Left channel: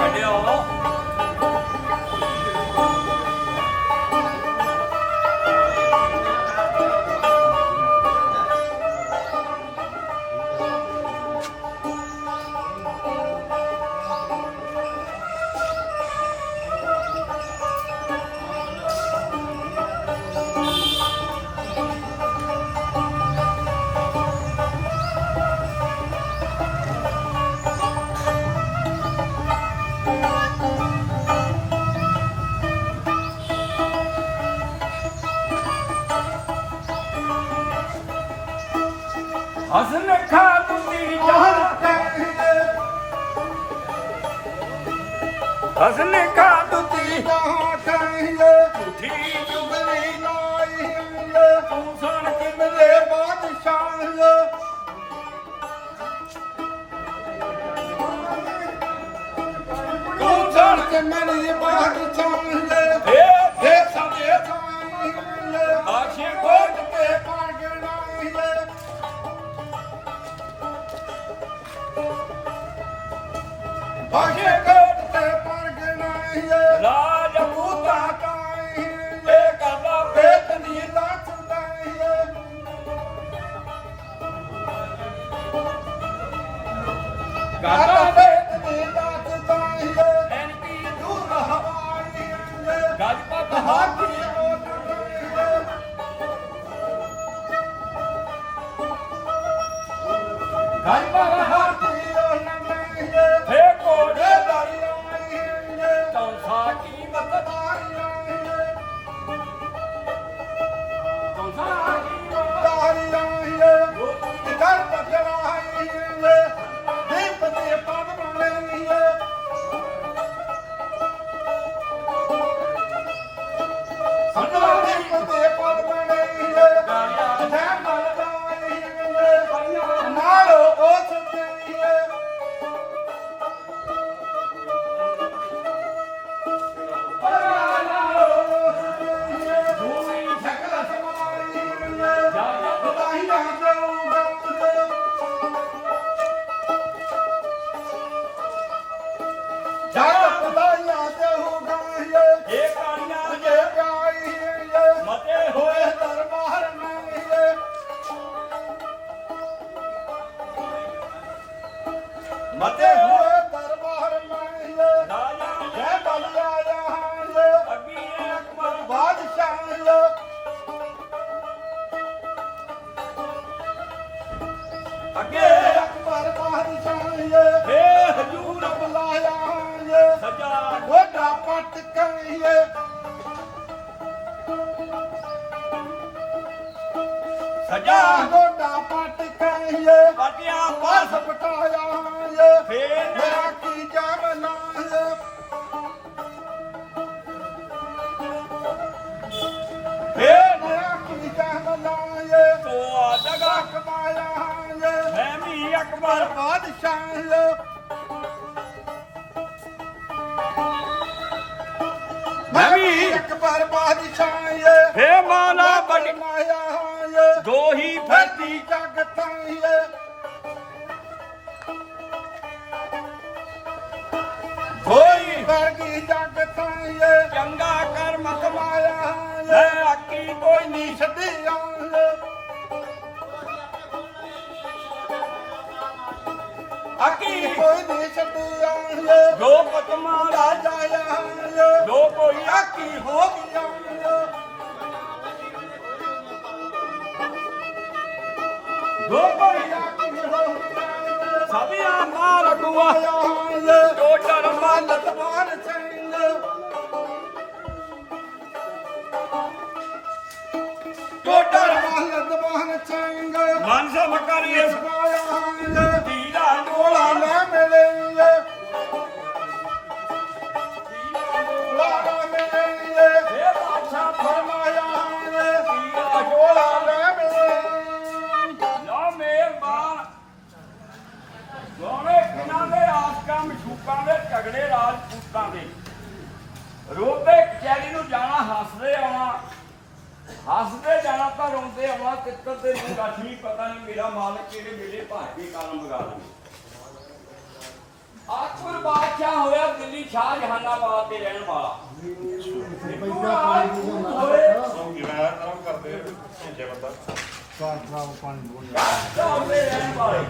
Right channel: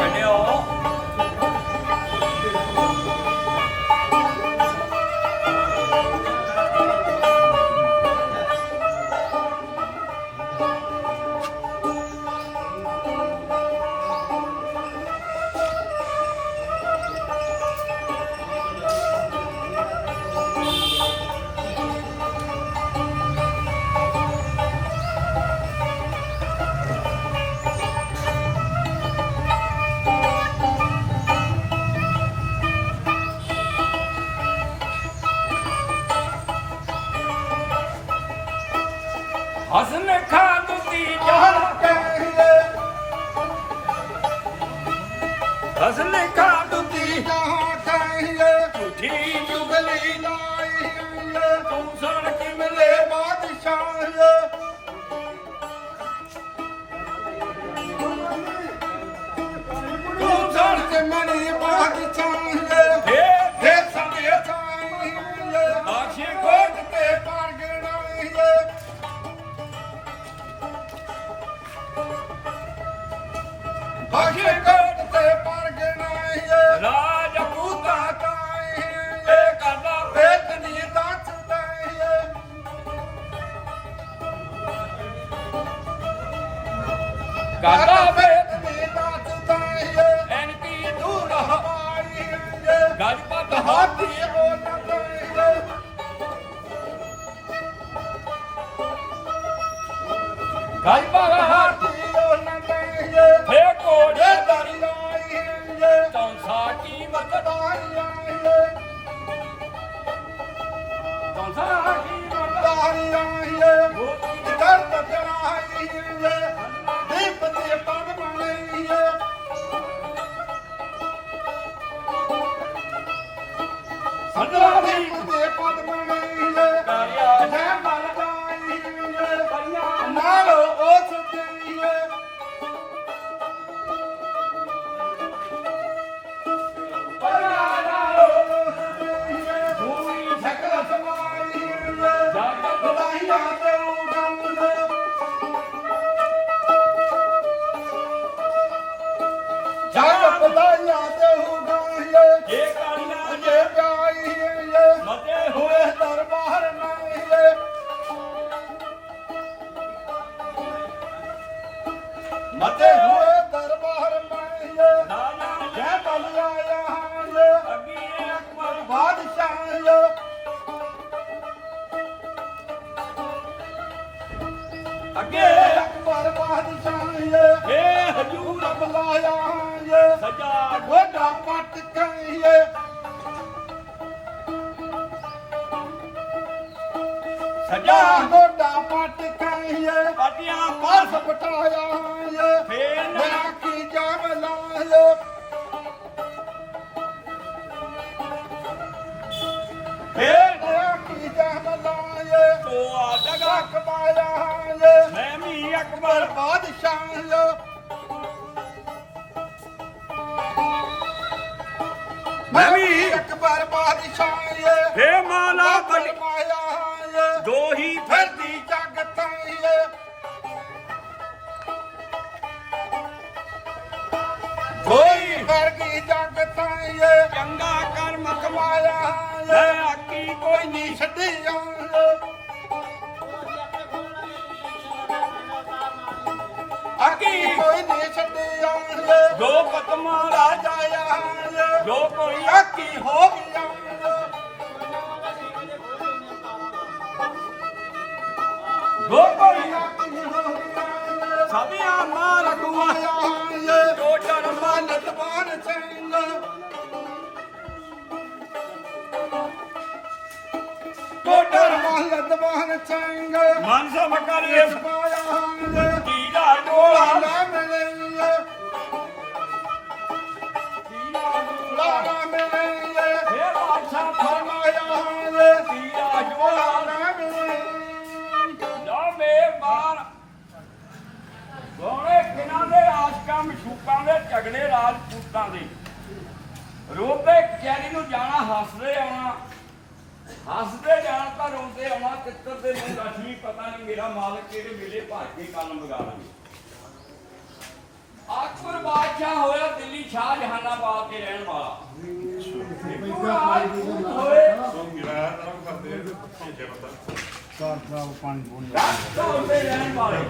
ਕੱਢਿਓ ਹਸਨ ਹਸਨ ਖਾ ਤੁਸੀ ਝੂਠੀ ਚੁਗਲੀ ਤੂੰ ਸੁਣ ਕੇ ਮਿਲੇ ਤੂੰ ਸੁਣ ਕੇ ਏ। ਏ ਸਾਡੇ ਆਖੇ ਕੋਟ ਤੇ ਆਖੇ ਕੋਟ ਤੇ ਰਾਜ ਪੂਤਾ ਏ ਕਰਦਾ ਪੇਤ ਨੀ ਕਰਦਾ ਪੇਤ ਐਨਤੀ ਦੂਰ ਰਹਾ ਗਾਜ ਪਤ ਹਾਥੀ ਗਾਜ ਪਤ ਹਾਥੀ เลยแล้วก็แชม ਮਤੇ ਹੋਏ ਦਰਬਾਰ ਰਾਜਾ ਜੈ ਬਲਿਆ ਯਹਾਂ ਅੱਗੀ ਅਕਬਰ ਬਾਦਸ਼ਾਹ ਅੱਗੇ ਅਕਬਰ ਬਾਦਸ਼ਾਹ ਏ ਹਜੂਰ ਬੁਲਾਇਆ ਸਜਾ। ਗੋਡਾ ਪੱਟ ਕਹੀਏ ਸਜਾ ਗੋਡਾ ਪੱਟ ਕਹੀਏ ਪਾਟੀਆਂ ਪਾਸ ਪਟਾਇਆ ਫੇਰ ਮੇਰਾ ਕੀ ਜਾਮ ਲਾਏ ਏ ਮੇਰਾ ਕੀ ਜਾਮ ਲਾਏ ਕੋ ਆ ਜਗਾ ਕਮਾਇਆ ਮੈਂ ਵੀ ਅਕਬਰ। ਬਾਦਸ਼ਾਹ ਮੈਂ ਵੀ ਅਕਬਰ ਬਾਦਸ਼ਾਹ ਫੇ ਮਾਲਾ ਬਣ। ਮਾਇਆ ਦੋ ਹੀ ਫਰਦੀ ਜਗ ਤਾਈਏ ਕੋਈ ਵਰਗੀ ਜਗ ਤਾਈਏ ਚੰਗਾ ਕਰਮ ਕਮਾਇਆ ਮੈਂ ਆਕੀ ਕੋਈ ਨਹੀਂ ਛੱਡੀ ਅਕੀ ਕੋਈ ਨਹੀਂ ਛੱਡੀ ਜੋ ਪਤਮਾ ਰਾਜਾ ਜਾਇਆ ਜੋ ਕੋਈ ਆਕੀ ਹੋ ਗਿਆ। ਸਭਿਆ ਮਾਰ ਦੁਆ ਆਇਆ ਜੋ ਜਨਮ ਮਾਨਤ ਮਾਨ ਸਿੰਘ ਕੋਟਰ ਮਾਨਤ ਮਾਨ ਸਿੰਘ ਮਨ ਸਭ ਕਰੀਏ। ਪਾਇਆ ਦੀਦਾ ਡੋਲਾ ਨਾ ਮਿਲੇ ਲਾਣਾ ਮਿਲੇ ਫੇ ਬਾਦਸ਼ਾਹ ਫਰਮਾਇਆ ਦੀਦਾ ਡੋਲਾ ਨਾ ਨਾ ਮਸ਼ੂਕਾਂ ਦੇ ਝਗੜੇ ਰਾਜਪੂਤਾਂ ਦੇ। ਰੋਂਦੇ ਕਚਹਿਰੀ ਨੂੰ ਜਾਣਾ ਹੱਸਦੇ ਆਉਣਾ। ਹੱਸਦੇ ਜਾਣਾ ਤਾਂ ਰੋਂਦੇ ਆਉਣਾ ਤਿੱਤਰ ਦੇ ਨੂੰ ਲੱਛਮੀ ਪਤਾ ਨਹੀਂ ਮੇਰਾ ਮਾਲਕ ਕਿਹੜੇ ਵੇਲੇ ਭਾਗ ਕੇ ਕਲਮ ਵਗਾਣਾ ਅਕਬਰ ਬਾਦਸ਼ਾਹ ਹੋਇਆ ਦਿੱਲੀ ਸ਼ਾਹ ਜਹਾਨਾਬਾਦ ਦੇ ਰਹਿਣ ਵਾਲਾ। ਹਿੰਦੂ ਰਾਜਪੂਤ ਰਾਜਸਥਾਨ ਦੇ। ਰਹਿਣ ਵਾਲੇ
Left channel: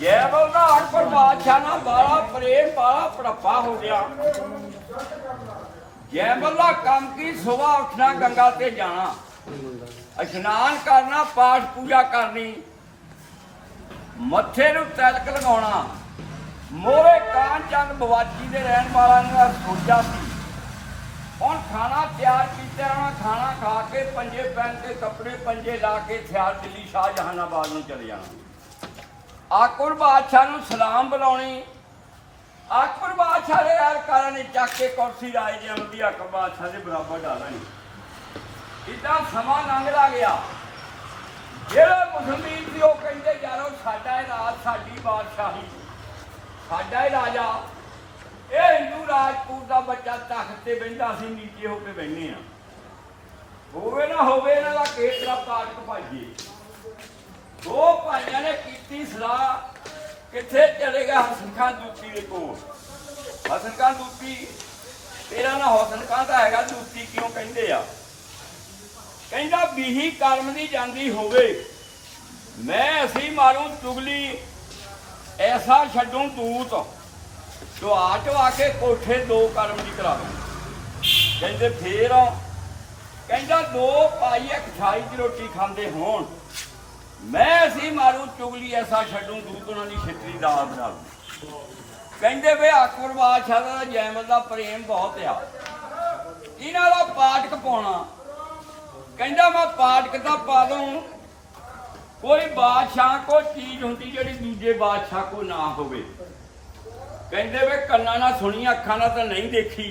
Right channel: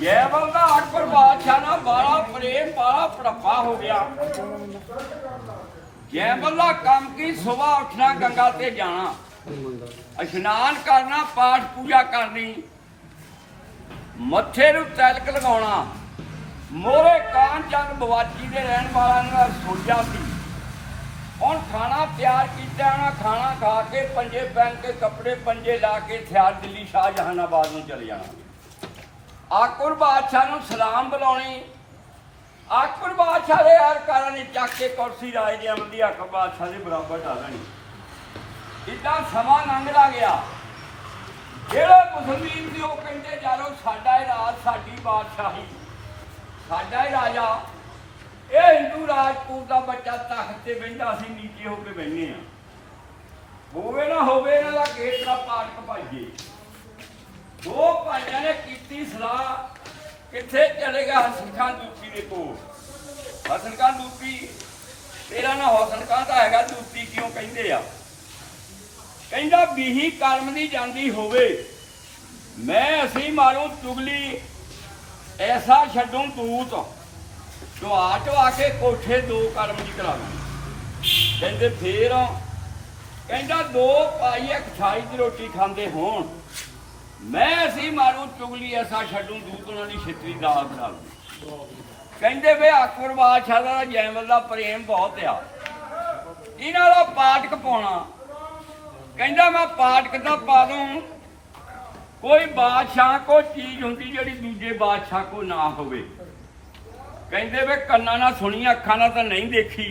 ਜੈਬਲ ਦਾ ਅਕਬਰ ਬਾਦਸ਼ਾਹ ਨਾਲ ਬਾਲਾ ਪ੍ਰੇਮ ਬਾਲਾ ਪੜਪਾ ਹੋ ਗਿਆ। ਜੈਬਲ ਦਾ ਕੰਮ ਕੀ? ਸਵੇਰ ਉੱਠਣਾ ਗੰਗਾ ਤੇ ਜਾਣਾ। ਇਸ਼ਨਾਨ ਕਰਨਾ ਪਾਠ ਪੂਜਾ ਕਰਨੀ। ਮੱਥੇ ਨੂੰ ਤਿਲਕ ਲਗਾਉਣਾ। ਮੋਰੇ ਕਾਨ ਚੰਦ ਬਵਾਚੀ ਦੇ ਰਹਿਣ ਵਾਲਾ ਨੇ ਸੋਚਿਆ ਸੀ। ਖਾਣਾ ਤਿਆਰ ਕੀਤਾ ਉਹਨਾਂ ਖਾਣਾ ਖਾ ਕੇ ਪੰਜੇ ਪਹਿਨ ਕੇ ਕੱਪੜੇ ਪੰਜੇ ਲਾ ਕੇ ਥਿਆਰ ਦਿੱਲੀ ਸ਼ਾਹ ਜਹਾਨਾਬਾਦ ਨੂੰ ਚਲੇ ਜਾਣਾ। ਆਕੁਰ ਬਾਦਸ਼ਾਹ ਨੂੰ ਸਲਾਮ ਬੁਲਾਉਣੀ। ਆਕਬਰ ਬਾਦਸ਼ਾਹ ਦੇ ਯਾਰ ਨੇ ਚੱਕ ਕੇ ਕੁਰਸੀ ਰਾਜ ਦੇ ਅਮਦੀ ਆਕਬਰ ਬਾਦਸ਼ਾਹ ਦੇ ਬਰਾਬਰ ਡਾਲਣੀ ਇਦਾਂ ਸਮਾਂ ਲੰਘਦਾ ਗਿਆ। ਜਿਹੜੇ ਮੁਸਲਮਾਨ ਸੀ ਉਹ ਕਹਿੰਦੇ, ਯਾਰੋ, ਸਾਡਾ ਇਹ ਰਾਜ ਸਾਡੀ ਬਾਦਸ਼ਾਹੀ, ਸਾਡਾ ਹੀ ਰਾਜਾ ਇਹ ਹਿੰਦੂ ਰਾਜਪੂਤ ਦਾ ਬੱਚਾ ਤਖਤ ਤੇ ਬੈਠਾ ਅਸੀਂ ਨੀਚੇ ਹੋ ਕੇ ਬੈਠੇ ਆ। ਹੋਵੇ ਨਾ ਹੋਵੇ ਇਹਨਾਂ ਦਾ ਕੇਤਰਾ ਪਾਲਕ ਭਾਈਏ। ਦੋ ਭਾਈਆਂ ਨੇ ਕੀਤੀ ਸਲਾਹ, ਕਿੱਥੇ ਚਲੇਗਾ ਹਸਨ ਖਾਨ ਦੂਤੀ ਦੇ ਕੋਲ। ਹਸਨ ਖਾਨ ਦੂਤੀ ਤੇਰਾ ਨਾ ਹਸਨ ਖਾਨ ਤਾਂ ਹੈਗਾ, ਦੂਤੀ ਕਿਉਂ ਕਹਿੰਦੇ ਆ? ਕਹਿੰਦਾ ਬੀਹੀ ਕਰਮ ਦੀ ਜਾਂਦੀ ਹੋਵੇ। ਮੈਂ ਅਸੀਂ ਮਾਰੂ ਤੁਗਲੀ, ਐਸਾ ਛੱਡੂ ਤੂਤ ਢਵਾ ਢਵਾ ਕੇ ਕੋਠੇ ਦੋ ਕਰਮ ਦੀ ਕਰਾ ਦੂੰ ਕਹਿੰਦੇ ਫੇਰ ਕਹਿੰਦਾ ਦੋ ਪਾਈ ਇੱਕ ਛਾਈ ਦੀ ਰੋਟੀ ਖਾਂਦੇ ਹੋਣ। ਮੈਂ ਸੀ ਮਾਰੂ ਚੁਗਲੀ ਐਸਾ ਛੱਡੂ, ਦੂਤ ਉਹਨਾਂ ਦੀ ਛਿੱਤਰੀ ਦਾਲ ਬਣਾ ਲੂੰ ਕਹਿੰਦੇ ਵੇ ਅਕਬਰ ਬਾਦਸ਼ਾਹ ਦਾ ਜੈਮਲ ਦਾ ਪ੍ਰੇਮ ਬਹੁਤ ਆ। ਇਹਨਾਂ ਦਾ ਪਾਠਕ ਪਾਉਣਾ। ਕਹਿੰਦਾ ਮੈਂ ਪਾਠਕ ਤਾਂ ਪਾ ਦੂੰ ਕੋਈ ਬਾਦਸ਼ਾਹ ਕੋ ਚੀਜ਼ ਹੁੰਦੀ ਜਿਹੜੀ ਦੂਜੇ ਬਾਦਸ਼ਾਹ ਕੋ ਨਾ ਹੋਵੇ। ਕਹਿੰਦੇ ਵੇ ਕੰਨਾਂ ਨਾਲ ਸੁਣੀ ਅੱਖਾਂ ਨਾਲ ਤਾਂ ਨਹੀਂ ਦੇਖੀ।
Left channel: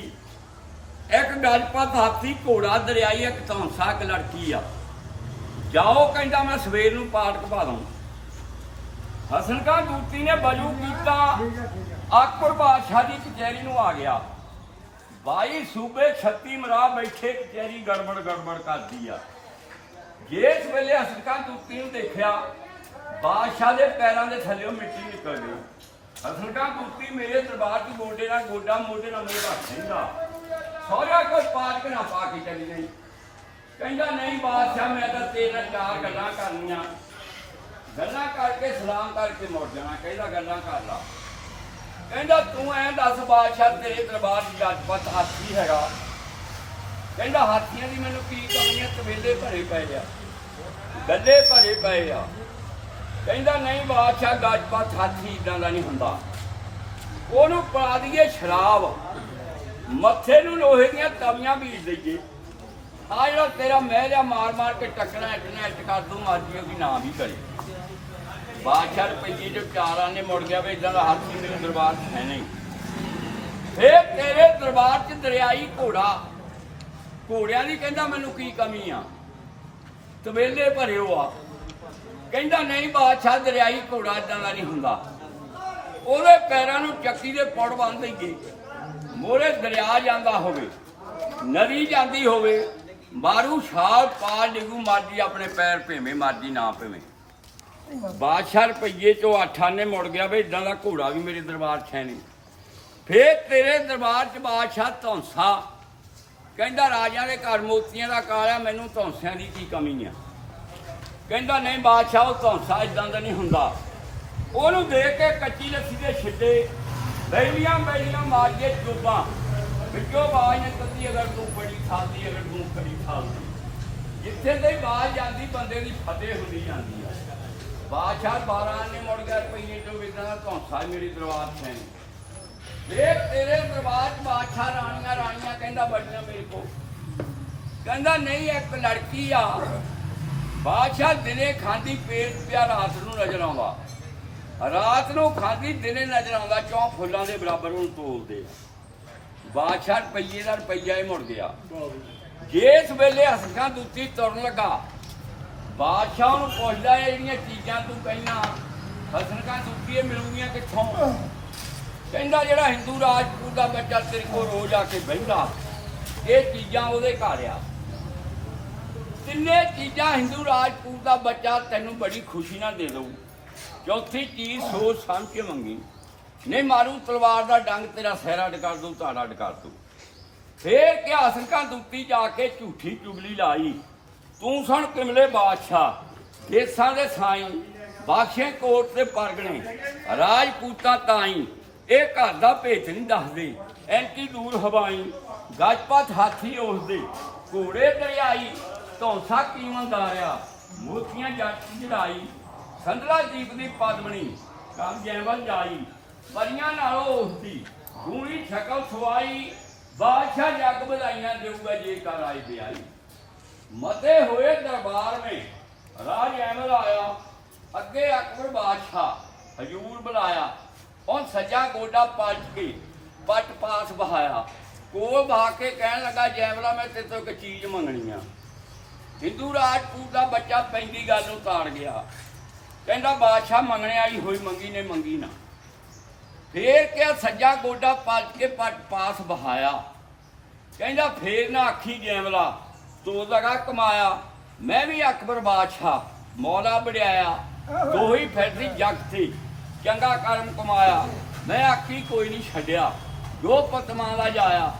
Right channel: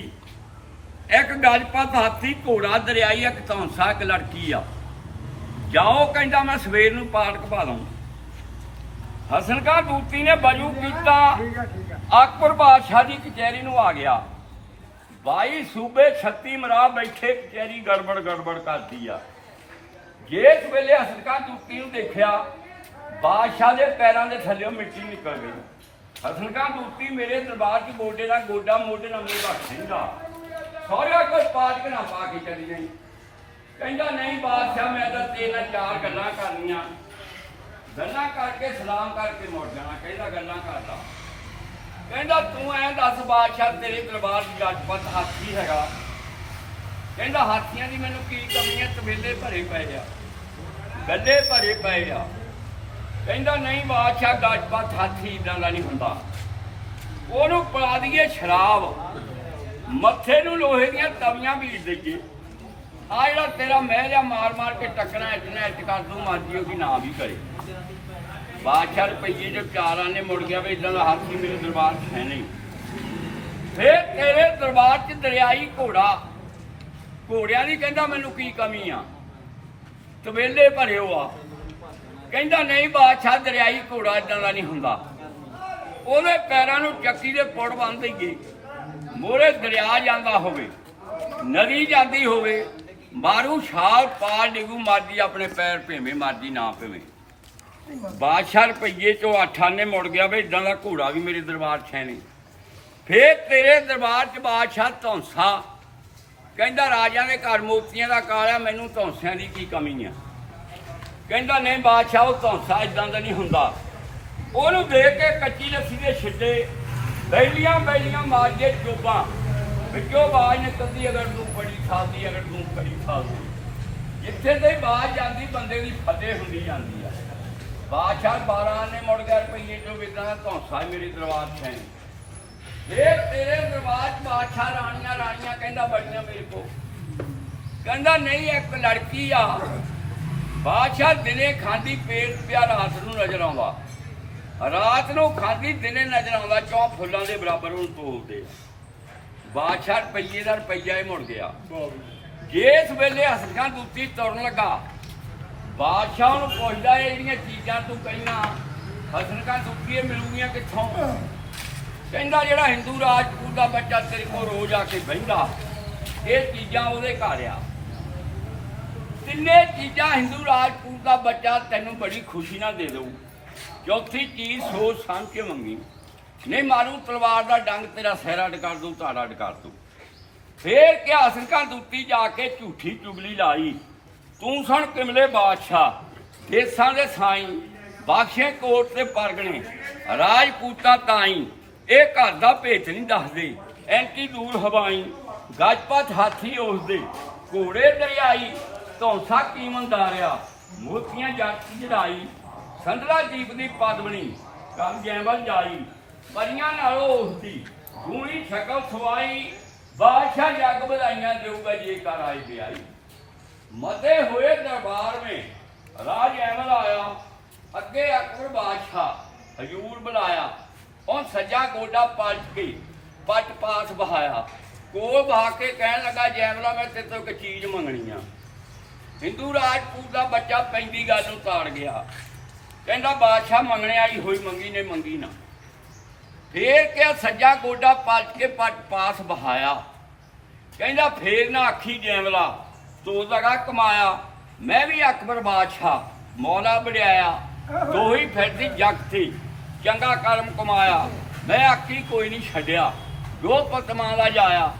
ਇੱਕ ਗਜਪਤ ਹਾਥੀ ਘੋੜਾ ਦਰਿਆਈ ਇੱਕ ਧੌਂਸਾ ਇੱਕ ਲੜਕੀ ਆ। ਜਾਓ ਕਹਿੰਦਾ ਮੈਂ ਸਵੇਰ ਨੂੰ ਪਾਠਕ ਪਾ ਦੂੰ ਹਸਨ ਕਾ ਦੂਤੀ ਨੇ ਬਜੂ ਕੀਤਾ। ਅਕਬਰ ਬਾਦਸ਼ਾਹ ਦੀ ਕਚਹਿਰੀ ਨੂੰ ਆ ਗਿਆ। ਬਾਈ ਸੂਬੇ 36 ਮਰਾ ਬੈਠੇ ਕਚਹਿਰੀ ਗੜਬੜ ਗੜਬੜ ਕਰਦੀ ਆ। ਜਿਸ ਵੇਲੇ ਹਸਨ ਕਾ ਦੂਤੀ ਨੂੰ ਦੇਖਿਆ ਬਾਦਸ਼ਾਹ ਦੇ ਪੈਰਾਂ ਦੇ ਥੱਲੇੋਂ ਮਿੱਟੀ ਨਿਕਲ ਗਈ। ਹਸਨ ਦੂਤੀ ਮੇਰੇ ਦਰਬਾਰ 'ਚ ਗੋਡੇ ਦਾ ਗੋਡਾ ਮੋਢੇ ਨਾਲ ਮੂੰਹ ਰੱਖ ਦਿੰਦਾ ਸਹੁਰਾ ਕੋਈ ਪਾਠਕ ਨਾ ਪਾ ਕੇ ਚਲੀ ਗਈ। ਕਹਿੰਦਾ, ਨਹੀਂ ਬਾਦਸ਼ਾਹ, ਮੈਂ ਤਾਂ ਤੇਰੇ ਨਾਲ ਚਾਰ ਗੱਲਾਂ ਕਰਨੀਆਂ। ਗੱਲਾਂ ਕਰਕੇ ਸਲਾਮ ਕਰਕੇ ਮੁੜ ਜਾਣਾ, ਕਹਿੰਦਾ, ਗੱਲਾਂ ਕਰ ਲਾ। ਕਹਿੰਦਾ, ਤੂੰ ਐਂ ਦੱਸ ਬਾਦਸ਼ਾਹ, ਤੇਰੇ ਦਰਬਾਰ 'ਚ ਜੱਜਪਤ ਹਾਥੀ ਹੈਗਾ। ਕਹਿੰਦਾ, ਹਾਥੀਆਂ ਦੀ ਮੈਨੂੰ ਕੀ ਕਮੀ ਹੈ ਤਵੇਲੇ ਭਰੇ ਪਏ ਆ। ਗੱਲੇ ਭਰੇ ਪਏ ਆ। ਕਹਿੰਦਾ ਨਹੀਂ ਬਾਦਸ਼ਾਹ ਜੱਜਪਤ ਹਾਥੀ ਇਦਾਂ ਦਾ ਨਹੀਂ ਹੁੰਦਾ। ਉਹਨੂੰ ਪਾ ਦਈਏ ਸ਼ਰਾਬ। ਮੱਥੇ ਨੂੰ ਲੋਹੇ ਦੀਆਂ ਤਵੀਆਂ ਬੀਜ ਦਈਏ। ਆ ਜਿਹੜਾ ਤੇਰਾ ਮਹਿਲ ਆ, ਮਾਰ ਮਾਰ ਕੇ ਟੱਕਣਾ ਇਤਨਾ ਇੱਟ ਕਰ ਦੂੰ ਮਰਜ਼ੀ ਉਹਦੀ ਨਾ ਵੀ ਕਰੇ। ਬਾਦਸ਼ਾਹ ਰੁਪਈਏ ਜੋ ਚਾਰਾਂ ਨੇ ਮੁੜ ਗਿਆ ਵੀ ਇਦਾਂ ਦਾ ਹੱਥ ਮੇਰੇ ਦਰਬਾਰ 'ਚ ਹੈ ਨਹੀਂ। ਫੇਰ ਤੇਰੇ ਦਰਬਾਰ 'ਚ ਦਰਿਆਈ ਘੋੜਾ। ਘੋੜਿਆਂ ਦੀ ਕਹਿੰਦਾ ਮੈਨੂੰ ਕੀ ਕਮੀ ਆ? ਤਵੇਲੇ ਭਰਿਓ ਆ। ਕਹਿੰਦਾ ਨਹੀਂ ਬਾਦਸ਼ਾਹ, ਦਰਿਆਈ ਘੋੜਾ ਇਦਾਂ ਦਾ ਨਹੀਂ ਹੁੰਦਾ। ਉਹਦੇ ਪੈਰਾਂ ਨੂੰ ਚੱਕੀ ਦੇ ਪੁੜ ਬੰਨ ਦਈਏ। ਮੋਰੇ ਦਰਿਆ ਜਾਂਦਾ ਹੋਵੇ, ਨਦੀ ਜਾਂਦੀ ਹੋਵੇ, ਮਾਰੂ ਛਾਲ ਪਾਰ ਡਿਗੂ, ਮਰਜ਼ੀ ਆਪਣੇ ਪੈਰ ਭੇਵੇਂ, ਮਰਜ਼ੀ ਨਾ ਭੇਵੇਂ। ਬਾਦਸ਼ਾਹ ਰੁਪਈਏ ਚੋਂ ਆਠਾਨੇ ਮੁੜ ਗਿਆ ਵੀ ਇਦਾਂ ਦਾ ਘੋੜਾ ਵੀ ਮੇਰੇ ਦਰਬਾਰ 'ਚ ਹੈ ਨਹੀਂ। ਫੇਰ ਤੇਰੇ ਦਰਬਾਰ 'ਚ ਬਾਦਸ਼ਾਹ ਧੌਂਸਾ। ਕਹਿੰਦਾ ਰਾਜਿਆਂ ਦੇ ਘਰ ਮੋਤੀਆਂ ਦਾ ਕਾਲਿਆ ਮੈਨੂੰ ਧੌਂਸਿਆਂ ਦੀ ਕੀ ਕਮੀ ਆ? ਕਹਿੰਦਾ, ਨਹੀਂ ਬਾਦਸ਼ਾਹ, ਉਹ ਧੌਂਸਾ ਇਦਾਂ ਦਾ ਨਹੀਂ ਹੁੰਦਾ। ਉਹਨੂੰ ਦੇਖ ਕੇ ਕੱਚੀ ਲੱਸੀ ਦੇ ਛਿੱਟੇ, ਬੈਲੀਆਂ ਬੈਲੀਆਂ ਮਾਰਦੇ ਚੋਬਾਂ ਵਿੱਚੋਂ ਆਵਾਜ਼ ਨਿਕਲਦੀ, ਅਗਰ ਤੂੰ ਬੜੀ ਸਾਦੀ ਅਗਰ ਤੂੰ ਬੜੀ ਸਾਦੀ ਜਿੱਥੇ ਤੇ ਆਵਾਜ਼ ਜਾਂਦੀ, ਬੰਦੇ ਦੀ ਫਤਿਹ ਹੁੰਦੀ ਜਾਂਦੀ ਆ। ਬਾਦਸ਼ਾਹ 12 ਨੇ ਮੁੜ ਕੇ ਰੁਪਈਏ ਚੋਂ ਵਿਦਾਂ ਦਾ ਧੌਂਸਾ ਹੀ ਮੇਰੀ ਦਰਬਾਰ 'ਚ ਵੇਖ ਤੇਰੇ ਦਰਬਾਰ 'ਚ ਬਾਦਸ਼ਾਹ ਰਾਣੀਆਂ ਰਾਣੀਆਂ ਕਹਿੰਦਾ ਬੜੀਆਂ ਮੇਰੇ ਕੋ ਕਹਿੰਦਾ, ਨਹੀਂ, ਇੱਕ ਲੜਕੀ ਆ ਬਾਦਸ਼ਾਹ ਦਿਨੇ ਖਾਂਦੀ ਪੇਟ ਪਿਆ ਰਾਤ ਨੂੰ ਨਜ਼ਰ ਆਉਂਦਾ। ਰਾਤ ਨੂੰ ਖਾਂਦੀ ਦਿਨੇ ਨਜ਼ਰ ਆਉਂਦਾ, ਚੌਂ ਫੁੱਲਾਂ ਦੇ ਬਰਾਬਰ ਉਹਨੂੰ ਤੋਲਦੇ ਬਾਦਸ਼ਾਹ ਰੁਪਈਏ ਦਾ ਰੁਪਈਆ ਹੀ ਮੁੜ ਗਿਆ। ਜਿਸ ਵੇਲੇ ਹਸਕਾਂ ਦੁੱਤੀ ਤੁਰਨ ਲੱਗਾ, ਬਾਦਸ਼ਾਹ ਨੂੰ ਪੁੱਛਦਾ, ਇਹ ਜਿਹੜੀਆਂ ਚੀਜ਼ਾਂ ਤੂੰ ਕਹਿਣਾ ਹਸਨਕਾਂ ਦੁੱਤੀ ਇਹ ਮਿਲੂਗੀਆਂ ਕਿੱਥੋਂ? ਕਹਿੰਦਾ, ਜਿਹੜਾ ਹਿੰਦੂ ਰਾਜਪੂਤ ਦਾ ਬੱਚਾ ਤੇਰੇ ਕੋਲ ਰੋਜ਼ ਆ ਕੇ ਬਹਿੰਦਾ, ਇਹ ਚੀਜ਼ਾਂ ਉਹਦੇ ਘਰ ਆ। ਤਿੰਨੇ ਚੀਜ਼ਾਂ ਹਿੰਦੂ ਰਾਜਪੂਤ ਦਾ ਬੱਚਾ ਤੈਨੂੰ ਬੜੀ ਖੁਸ਼ੀ ਨਾਲ ਦੇ ਦਊ। ਚੌਥੀ ਚੀਜ਼ ਸੋਚ ਸਮਝ ਕੇ ਮੰਗੀ। ਨਹੀਂ ਮਾਰੂ, ਤਲਵਾਰ ਦਾ ਡੰਗ ਤੇਰਾ ਸਿਰ ਅੱਡ ਕਰ ਦੂੰ ਧੜ ਅੱਡ ਫੇਰ ਕਿਹਾ ਸਿੰਘਾਂ ਦੁੱਤੀ ਜਾ ਕੇ ਝੂਠੀ ਚੁਗਲੀ ਲਾਈ। ਤੂੰ ਸੁਣ ਕਿਮਲੇ ਬਾਦਸ਼ਾਹ, ਦੇਸਾਂ ਦੇ ਸਾਈਂ ਬਾਖਸ਼ੇ ਕੋਟ ਤੇ ਪਰਗਣੇ, ਰਾਜਪੂਤਾਂ ਤਾਈ। ਇਹ ਘਰ ਦਾ ਭੇਤ ਨਹੀਂ ਦੱਸਦੇ, ਐਂਟੀ ਦੂਰ ਹਵਾਈ, ਗੱਜਪਤ ਹਾਥੀ ਉਸਦੇ, ਘੋੜੇ ਦਰਿਆਈ ਧੌਂਸਾ ਕੀਮੰਦਾਰਿਆ ਮੋਤੀਆਂ ਜੱਟ ਜੜਾਈ ਸੰਦਲਾ ਦੀਪ ਦੀ ਪਦਮਣੀ ਕੰਮ ਜੈਵਲ ਜਾਈ, ਪਰੀਆਂ ਨਾਲੋਂ ਉਸਦੀ ਗੂਣੀ ਸ਼ਕਲ ਸਵਾਈ ਬਾਦਸ਼ਾਹ ਜੱਗ ਵਧਾਈਆਂ ਦੇਊਗਾ ਜੇ ਕਰ ਆਈ ਬਿਆਈ ਮਤੇ ਹੋਏ ਦਰਬਾਰ ਮੇ, ਰਾਜ ਐਮਲ ਆਇਆ ਅੱਗੇ ਅਕਬਰ ਬਾਦਸ਼ਾਹ ਹਜੂਰ ਬੁਲਾਇਆ ਔਨ ਸੱਜਾ ਗੋਡਾ ਪਲਟ ਕੇ ਪਟ ਪਾਸ ਬਹਾਇਆ। ਕੋਲ ਬਹਾ ਕੇ ਕਹਿਣ ਲੱਗਾ ਜੈਮਲਾ ਮੈਂ ਤੇਰੇ ਤੋਂ ਇੱਕ ਚੀਜ਼ ਮੰਗਣੀ ਆ। ਹਿੰਦੂ ਰਾਜਪੂਤ ਦਾ ਬੱਚਾ ਪੈਂਦੀ ਗੱਲ ਨੂੰ ਤਾੜ ਗਿਆ। ਕਹਿੰਦਾ, ਬਾਦਸ਼ਾਹ ਮੰਗਣੇ ਆਈ ਹੋਈ, ਮੰਗੀ ਨੇ ਮੰਗੀ ਨਾ। ਫੇਰ ਕਿਹਾ ਸੱਜਾ ਗੋਡਾ ਪਲਟ ਕੇ ਪਾਸ ਬਹਾਇਆ ਕਹਿੰਦਾ, ਫੇਰ ਨਾ ਆਖੀ ਜੈਮਲਾ, ਤੂੰ ਲਗਾ ਕਮਾਇਆ। ਮੈਂ ਵੀ ਅਕਬਰ ਬਾਦਸ਼ਾਹ, ਮੌਲਾ ਬੜਿਆਇਆ ਦੋਹੀ ਫਿਰਦੀ ਜੱਗ ਤੇ, ਚੰਗਾ ਕਰਮ ਕਮਾਇਆ। ਮੈਂ ਆਖੀ ਕੋਈ ਨਹੀਂ ਛੱਡਿਆ। ਜੋ ਪਤਮਾ ਦਾ ਜਾਇਆ,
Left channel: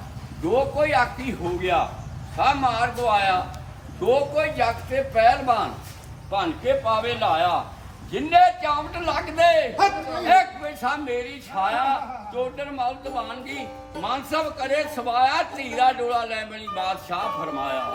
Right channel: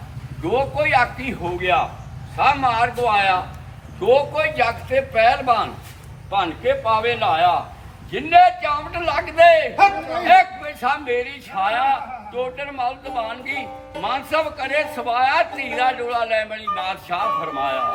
ਜੋ ਕੋਈ ਆਖੀ ਹੋ ਗਿਆ ਸਾ ਮਾਰ ਗਵਾਇਆ। ਜੋ ਕੋਈ ਜੱਗ ਤੇ ਪਹਿਲਵਾਨ ਭੰਨ ਕੇ ਪਾਵੇ ਲਾਇਆ, ਜਿੰਨੇ ਚਾਵਟ ਲੱਗਦੇ, ਇੱਕ ਪੈਸਾ ਮੇਰੀ ਛਾਇਆ ਟੋਟਰ ਮਲ ਦਵਾਨਗੀ ਮਾਨਸਬ ਕਰੇ ਸਵਾਇਆ ਧੀਰਾ ਡੋਲਾ ਲੈ ਬਣੀ ਬਾਦਸ਼ਾਹ ਫਰਮਾਇਆ।